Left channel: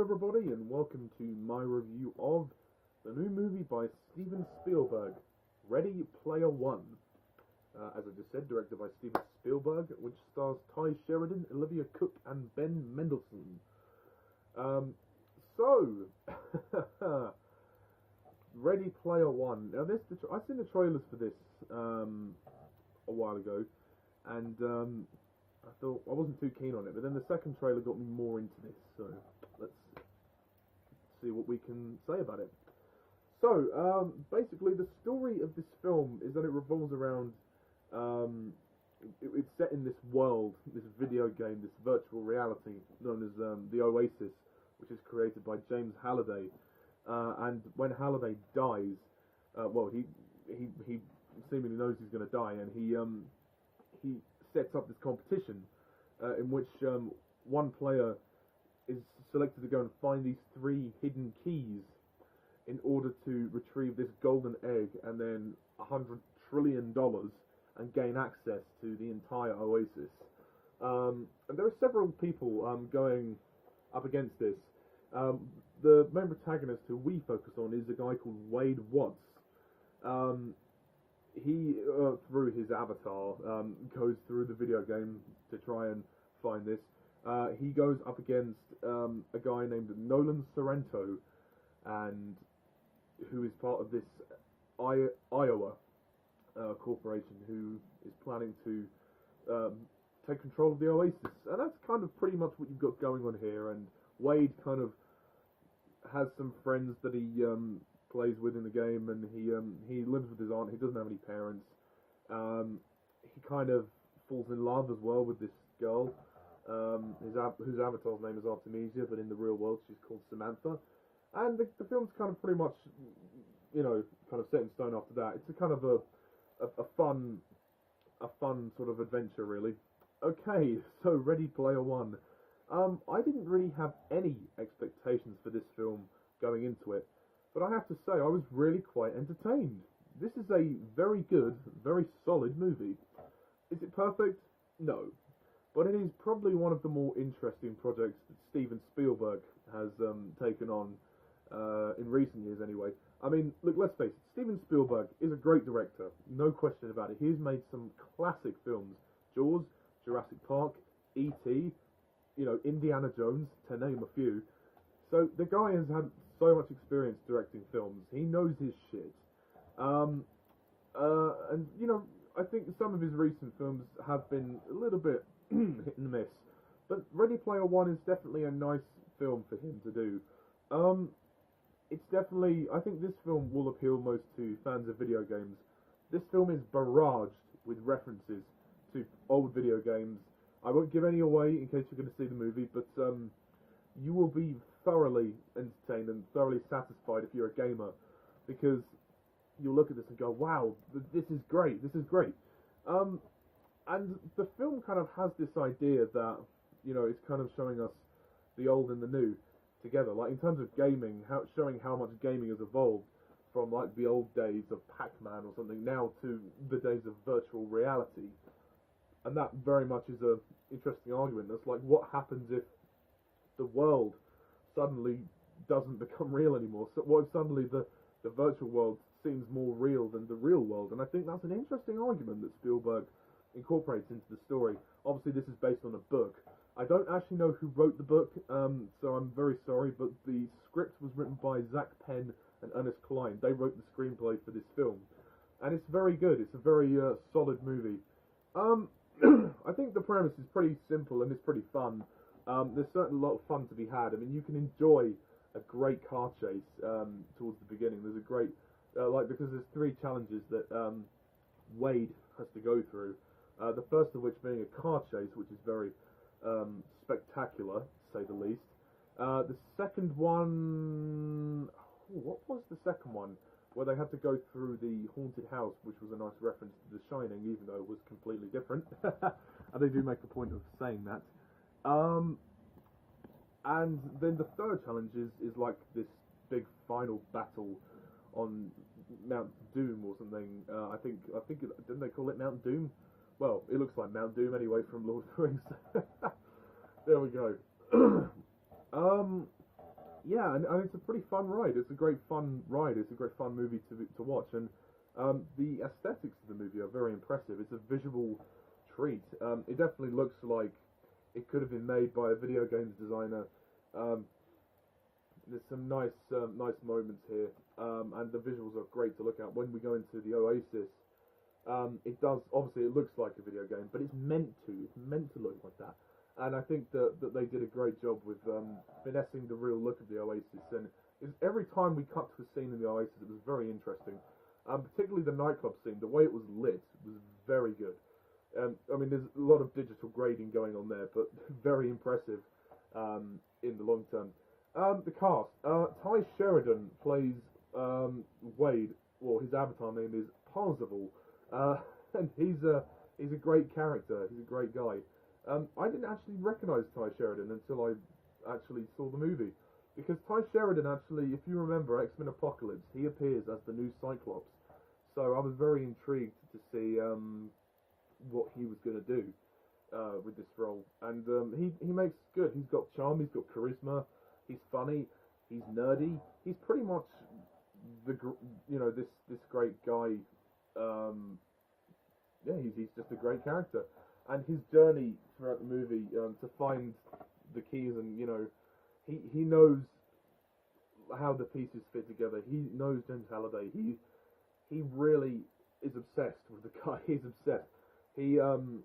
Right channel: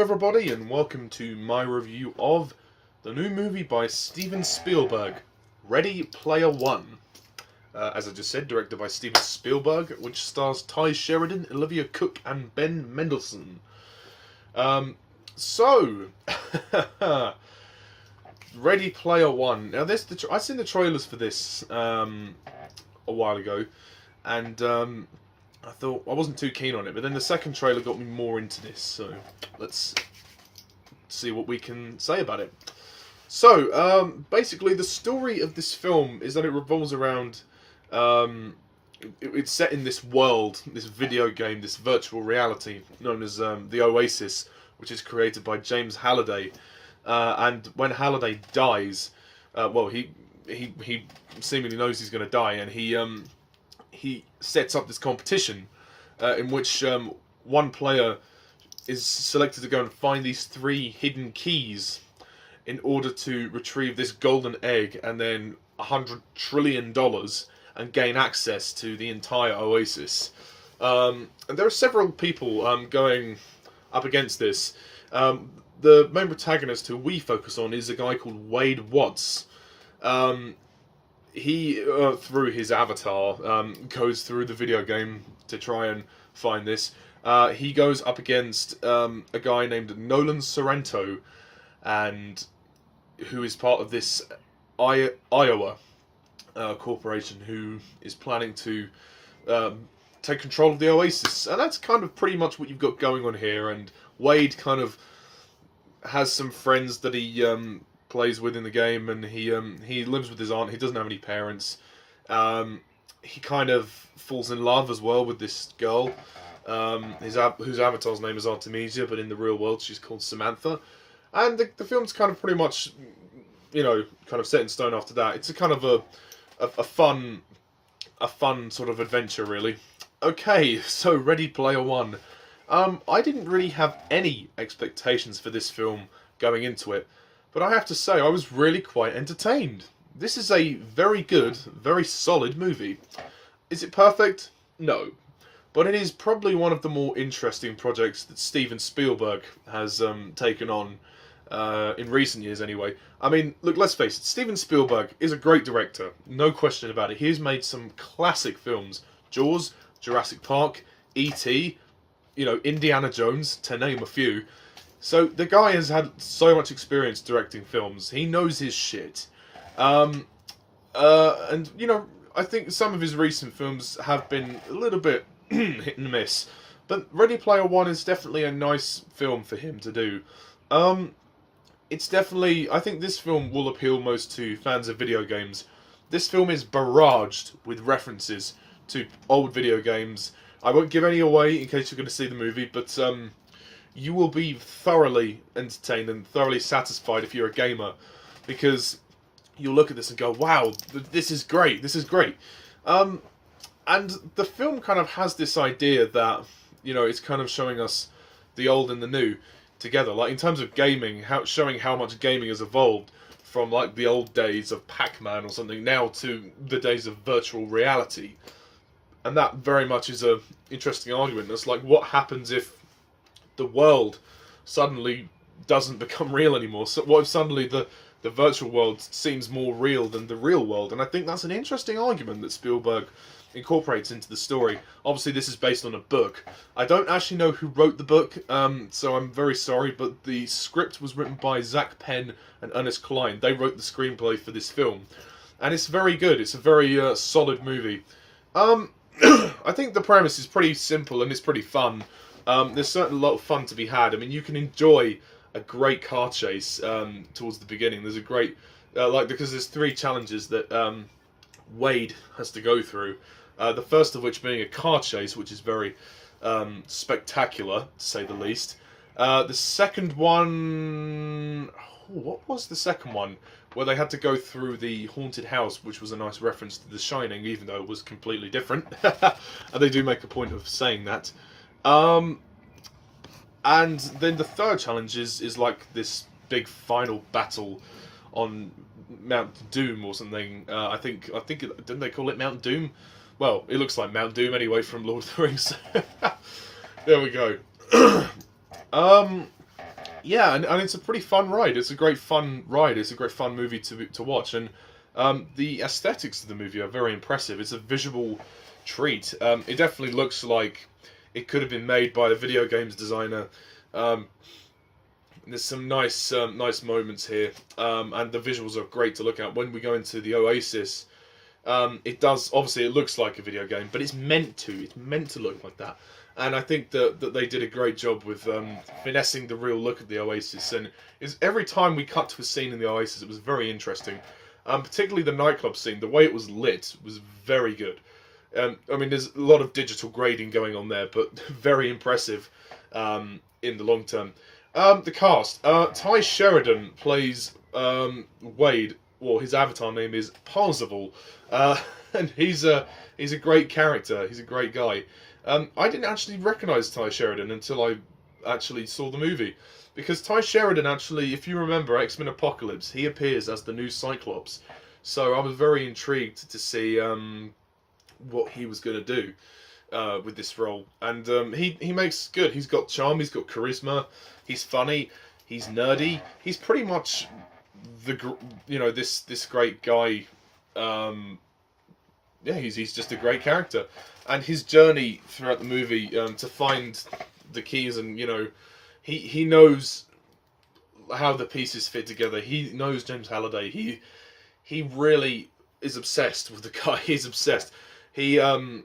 everybody, and welcome to my review of the new movie by Steven Spielberg, Ready Player One. As I just said, directed by Steven Spielberg, which stars Sherridan, Olivia, Cooke, and Mendelsohn. Ready Player One. Now, I've seen the trailers for this a while ago, and I thought I wasn't too keen on it, but then the second trailer got me more into this, so let's see what we can say about it. So, basically, the story of this film is that it revolves around, it's set in this world, this video game, this virtual reality, known as the Oasis, which is created by James Halliday, and when Halliday dies, well, he seemingly knows he's going to die, and he sets up this competition in which one player is selected to go and find these 3 hidden keys in order to retrieve this golden egg and then $100 trillion and gain access to the entire Oasis. And there are several people going up against this. The main protagonist who we focus on is a guy called Waithe. He, through his avatar, goes through the video game to try and find this. He goes up against a guy named Nolan Sorrento, and who is part of this Iowa corporation who is planning to take control of the Oasis. And that's kind of pretty much what you've got going on here. And Waithe kind of has some friends that he plays with in the game, and he lives with his aunt. He doesn't have any parents. He kind of falls in love as well with this girl, whose avatar's name is Artemisia, but in the real world she's called Samantha. And the film's kind of pretty much, kind of set in stone after that. It's a kind of a fun sort of adventure, really. Okay, so Ready Player One. I didn't really have any expectations for this film going into it, but I have to say I was really quite entertained. This is a very good, very solid movie. Is it perfect? No. But it is probably one of the more interesting projects that Steven Spielberg has taken on in recent years anyway. I mean, look, let's face it, Steven Spielberg is a great director, no question about it. He's made some classic films. Jaws, Jurassic Park, E.T., Indiana Jones, to name a few. So the guy has had so much experience directing films. He knows his shit. And, I think some of his recent films have been a little bit hit and miss. But Ready Player One is definitely a nice film for him to do. It's definitely, I think this film will appeal most to fans of video games. This film is barraged with references to old video games. I won't give any away in case you're going to see the movie, but you will be thoroughly entertained and thoroughly satisfied if you're a gamer, because you'll look at this and go, wow, this is great, this is great. And the film kind of has this idea that, it's kind of showing us the old and the new together. Like, in terms of gaming, showing how much gaming has evolved from, like, the old days of Pac-Man or something now to the days of virtual reality. And that very much is a interesting argument. It's like, what happens if the world suddenly doesn't become real anymore? So what if suddenly the virtual world seems more real than the real world? And I think that's an interesting argument that Spielberg incorporates into the story. Obviously, this is based on a book. I don't actually know who wrote the book, so I'm very sorry, but the script was written by Zach Penn and Ernest Cline. They wrote the screenplay for this film. And it's very good. It's a very solid movie. I think the premise is pretty simple and it's pretty fun. There's certainly a lot of fun to be had. I mean, you can enjoy a great car chase towards the beginning. There's a great, because there's 3 challenges that Waithe has to go through. The first of which being a car chase, which is very spectacular, to say the least. The second one, what was the second one? Where they had to go through the haunted house, which was a nice reference to The Shining, even though it was completely different. And they do make a point of saying that. And then the third challenge is like this big final battle on Mount Doom or something. I think didn't they call it Mount Doom? Well, it looks like Mount Doom anyway from Lord of the Rings. There we go. Yeah, and it's a pretty fun ride. It's a great fun ride. It's a great fun movie to watch, and the aesthetics of the movie are very impressive. It's a visual treat. It definitely looks like it could have been made by a video games designer. Um, there's some nice moments here, and the visuals are great to look at. When we go into the Oasis, it does obviously it looks like a video game, but it's meant to. It's meant to look like that. And I think that they did a great job with finessing the real look of the Oasis. And is every time we cut to a scene in the Oasis, it was very interesting. Particularly the nightclub scene, the way it was lit was very good. I mean, there's a lot of digital grading going on there, but very impressive in the long term. The cast: Ty Sheridan plays Wade, or his avatar name is Parzival, and he's a great character. He's a great guy. I didn't actually recognise Ty Sheridan until I actually saw the movie. Because Ty Sheridan actually, if you remember X-Men Apocalypse, he appears as the new Cyclops. So I was very intrigued to see what he was going to do with this role. And he makes good. He's got charm, he's got charisma, he's funny, he's nerdy. He's pretty much this great guy. He's just a great character. And his journey throughout the movie to find the keys, and he knows how the pieces fit together. He knows James Halliday. He really is obsessed with the guy. He's obsessed. And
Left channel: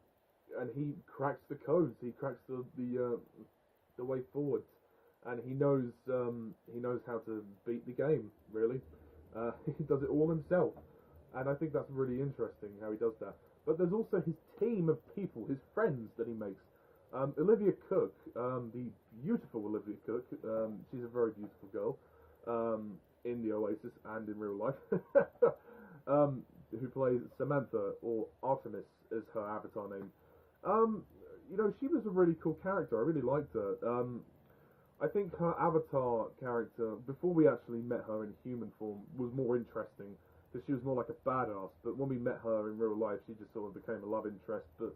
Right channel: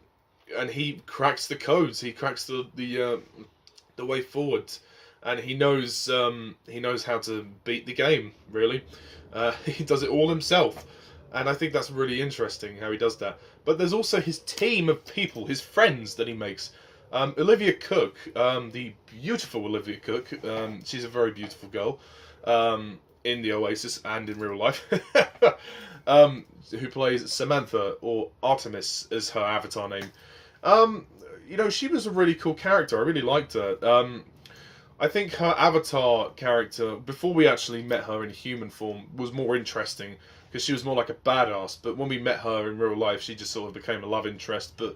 he cracks the codes. He cracks the way forward, and he knows how to beat the game. Really, he does it all himself, and I think that's really interesting how he does that. But there's also his team of people, his friends that he makes. Olivia Cooke, the beautiful Olivia Cooke, she's a very beautiful girl in the Oasis and in real life, who plays Samantha, or Artemis as her avatar name. She was a really cool character. I really liked her. I think her avatar character, before we actually met her in human form, was more interesting, because she was more like a badass. But when we met her in real life, she just sort of became a love interest. But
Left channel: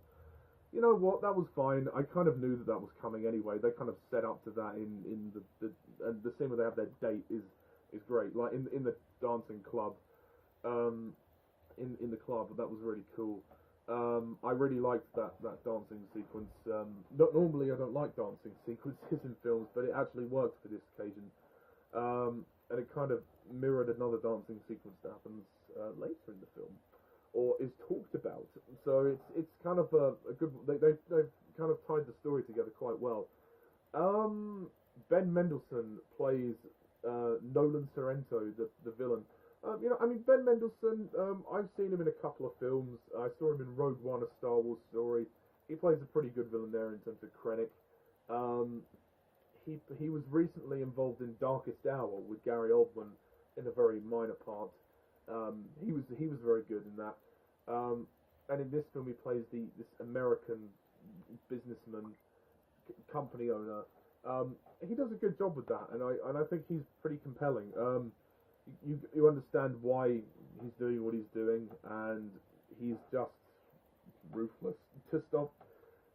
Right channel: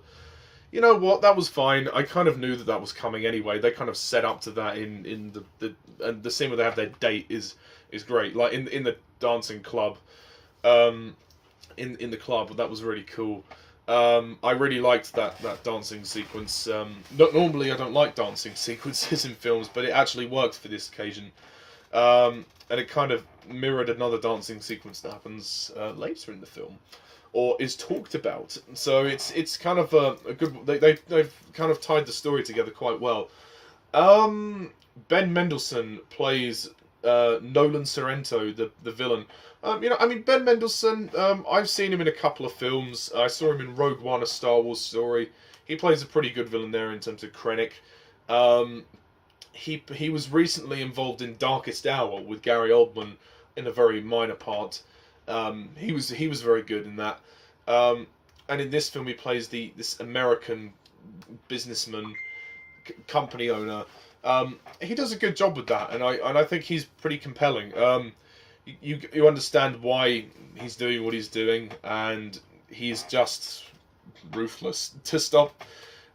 you know what? That was fine. I kind of knew that was coming anyway. They kind of set up to that in the scene where they have their date is great. Like in the dancing club, in the club, that was really cool. I really liked that dancing sequence. Not normally I don't like dancing sequences in films, but it actually worked for this occasion. And it kind of mirrored another dancing sequence that happens later in the film, or is talked about. So it's kind of a good. They've kind of tied the story together quite well. Ben Mendelsohn plays Nolan Sorrento, the villain. Ben Mendelsohn. I've seen him in a couple of films. I saw him in Rogue One, a Star Wars story. He plays a pretty good villain there in terms of Krennic. He was recently involved in Darkest Hour with Gary Oldman in a very minor part. He was very good in that. And in this film, he plays this American businessman, company owner. He does a good job with that, and I think he's pretty compelling. You understand why he's doing what he's doing, and he's just ruthless to stop.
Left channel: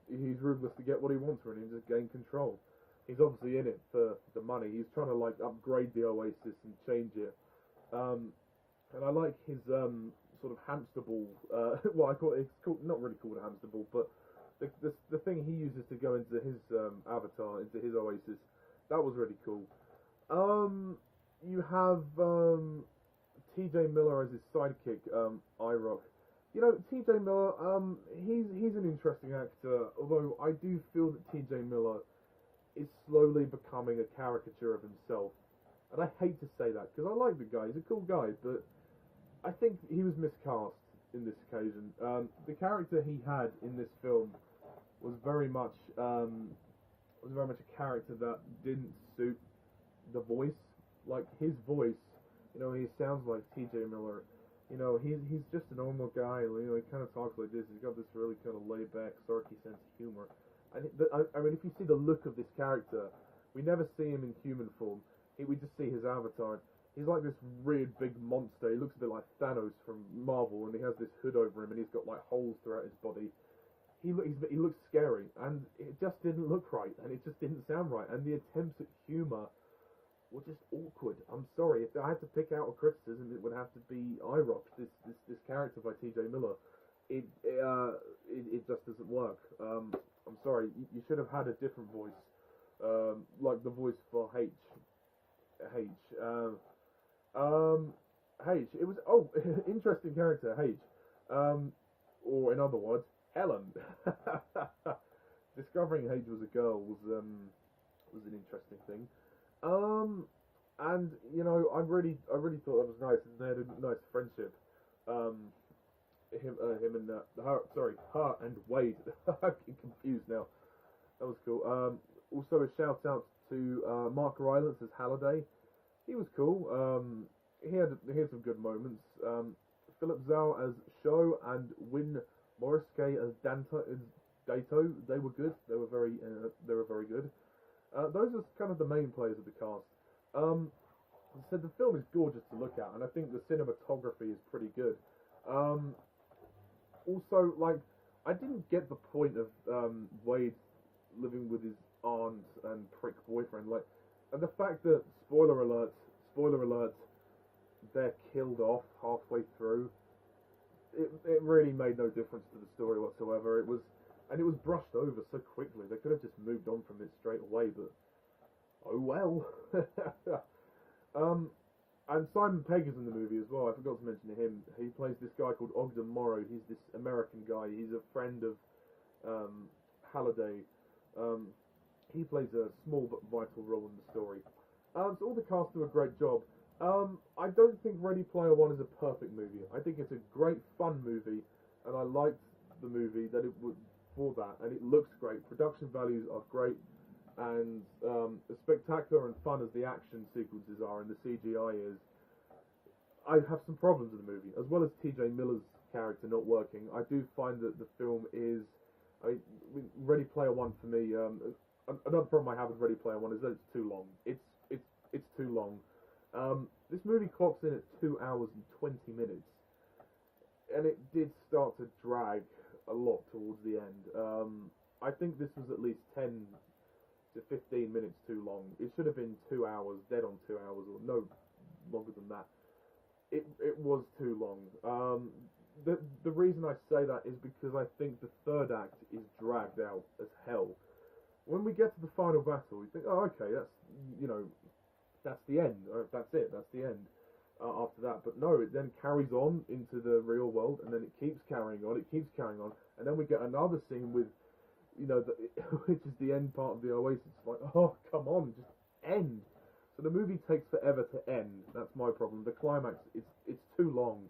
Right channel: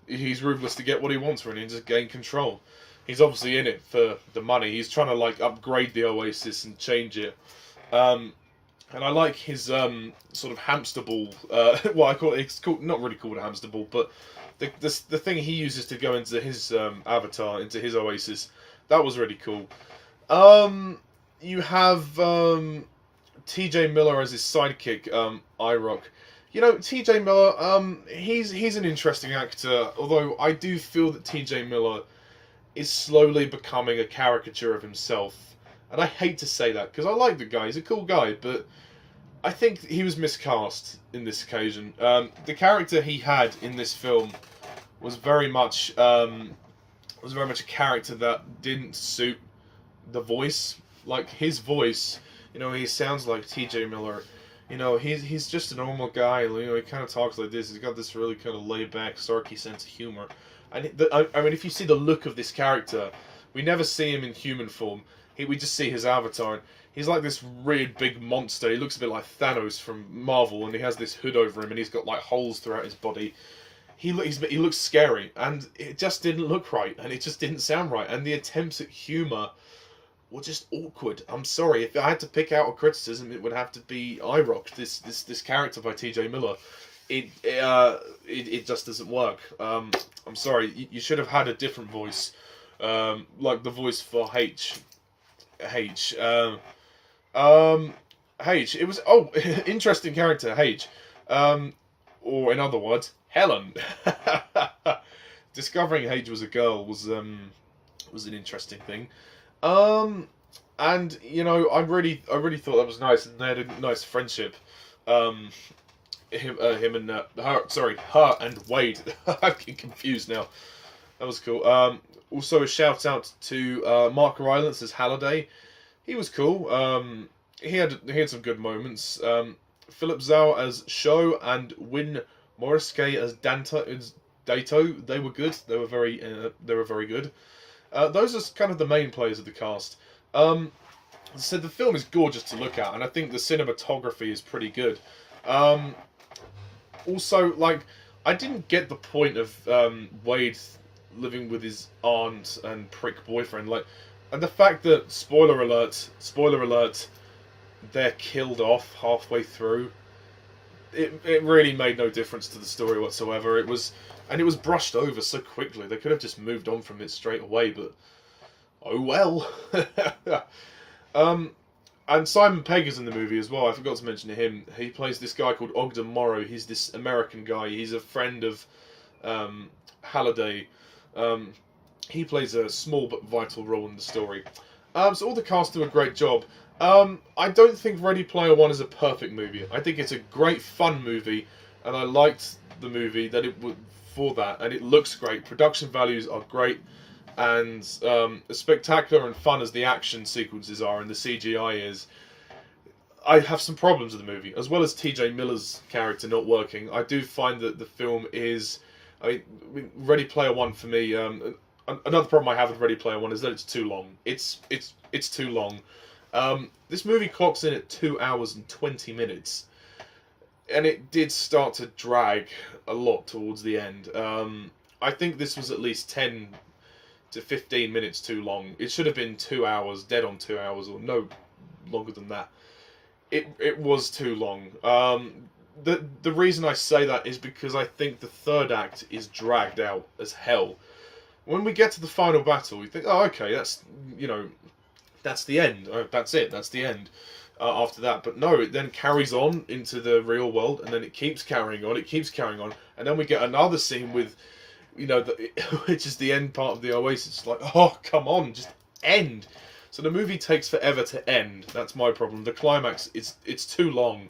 He's ruthless to get what he wants, really, and just gain control. He's obviously in it for the money. He's trying to upgrade the Oasis and change it. And I like his sort of hamster ball. What I call it, it's called, not really called a hamster ball, but the thing he uses to go into his avatar, into his Oasis. That was really cool. You have T.J. Miller as his sidekick, IROC. T.J. Miller, he's an interesting actor, although I do feel that T.J. Miller is slowly becoming a caricature of himself. And I hate to say that, because I like the guy, he's a cool guy, but I think he was miscast in this occasion. The character he had in this film was very much a character that didn't suit the voice. Like, his voice, he sounds like T.J. Miller. He's just a normal guy. He kind of talks like this. He's got this really kind of laid-back, sarky sense of humor. And if you see the look of this character, we never see him in human form. We just see his avatar. He's like this really big monster. He looks a bit like Thanos from Marvel, and he has this hood over him, and he's got holes throughout his body. He looks scary, and it just didn't look right, and it just didn't sound right. And the attempts at humor were just awkward. I'm sorry, if I had to pick out a criticism, it would have to be IROC. This character by T.J. Miller, it just doesn't work. I'm sorry, you should have had a different voice, like the voice for H. H. It was interesting character H. Or in other words, Helen. Discovering H was a girl was an interesting thing. And you know, I really thought that was nice, and they had a nice friendship. Him and her and Waithe. I'm getting confused now. That was cool. Also a shout out to Mark Rylance as Halliday. He was cool. He had some good moments. Philip Zhao as Zhao and Win Morasaki as Dato. They were good. They were very good. Those are kind of the main players of the cast. So the film is gorgeous to look at, and I think the cinematography is pretty good. Also, like, I didn't get the point of Waithe living with his aunt and prick boyfriend, like, and the fact that spoiler alert, they're killed off halfway through. It really made no difference to the story whatsoever. It was brushed over so quickly. They could have just moved on from it straight away, but oh well. And Simon Pegg is in the movie as well. I forgot to mention him. He plays this guy called Ogden Morrow. He's this American guy. He's a friend of Halliday. He plays a small but vital role in the story. So all the cast do a great job. I don't think Ready Player One is a perfect movie. I think it's a great fun movie, and I liked the movie that it would for that, and it looks great. Production values are great, and as spectacular and fun as the action sequences are and the CGI is, I have some problems with the movie, as well as T.J. Miller's character not working. I do find that the film is, I mean, Ready Player One for me. Another problem I have with Ready Player One is that it's too long. It's too long. This movie clocks in at 2 hours and 20 minutes, and it did start to drag a lot towards the end. I think this was at least 10 to 15 minutes too long. It should have been 2 hours, dead on 2 hours, or no longer than that. It was too long. The reason I say that is because I think the third act is dragged out as hell. When we get to the final battle, you think, oh, okay, that's, you know, that's the end. That's it. That's the end. After that, but no, it then carries on into the real world, and then it keeps carrying on. It keeps carrying on, and then we get another scene with, you know, which is the end part of the Oasis. It's like, oh, come on, just end. So the movie takes forever to end. That's my problem. The climax, it's too long.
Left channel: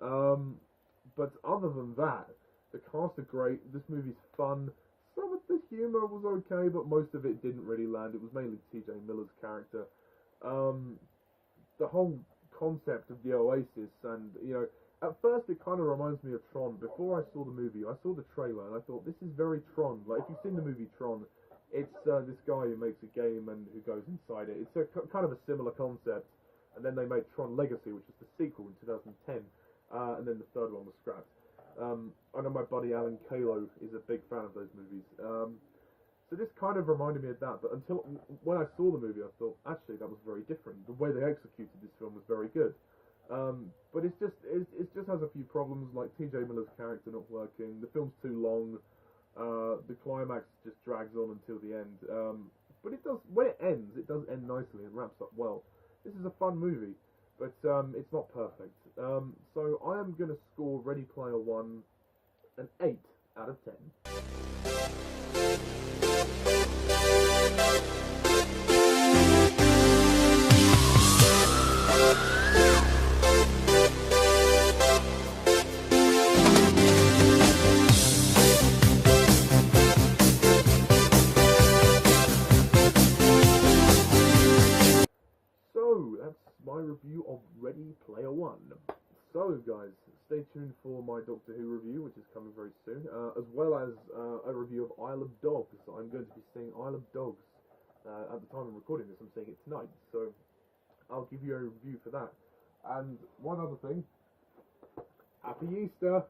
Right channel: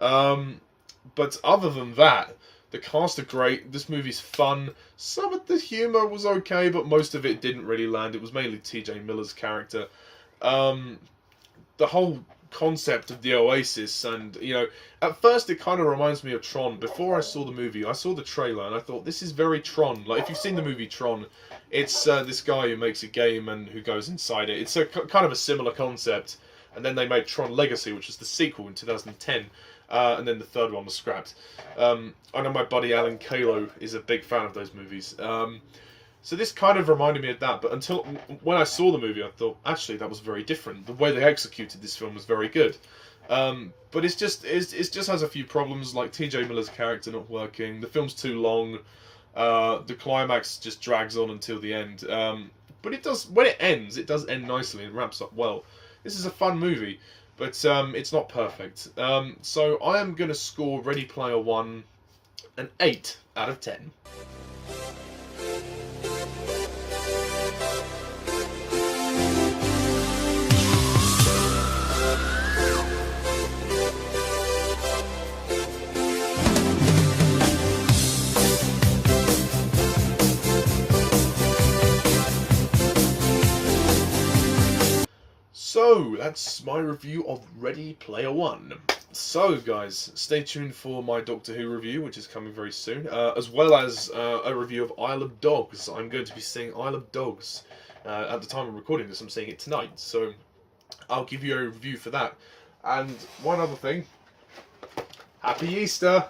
But other than that, the cast are great. This movie's fun. Some of the humour was okay, but most of it didn't really land. It was mainly T.J. Miller's character. The whole concept of the Oasis, and, you know, at first it kind of reminds me of Tron. Before I saw the movie, I saw the trailer, and I thought, this is very Tron. Like, if you've seen the movie Tron, it's this guy who makes a game and who goes inside it. It's a kind of a similar concept. And then they made Tron Legacy, which was the sequel in 2010. And then the third one was scrapped. I know my buddy Alan Kalo is a big fan of those movies. So this kind of reminded me of that, but until when I saw the movie, I thought, actually, that was very different. The way they executed this film was very good. But it just has a few problems, like T.J. Miller's character not working. The film's too long. The climax just drags on until the end. But it does, when it ends, it does end nicely and wraps up well. This is a fun movie, but it's not perfect. So I am going to score Ready Player One an 8 out of 10. So, that's my review of Ready Player One. So, guys, stay tuned for my Doctor Who review, which is coming very soon, as well as a review of Isle of Dogs. I'm going to be seeing Isle of Dogs. At the time of recording this, I'm seeing it tonight, so I'll give you a review for that. And one other thing, Happy Easter!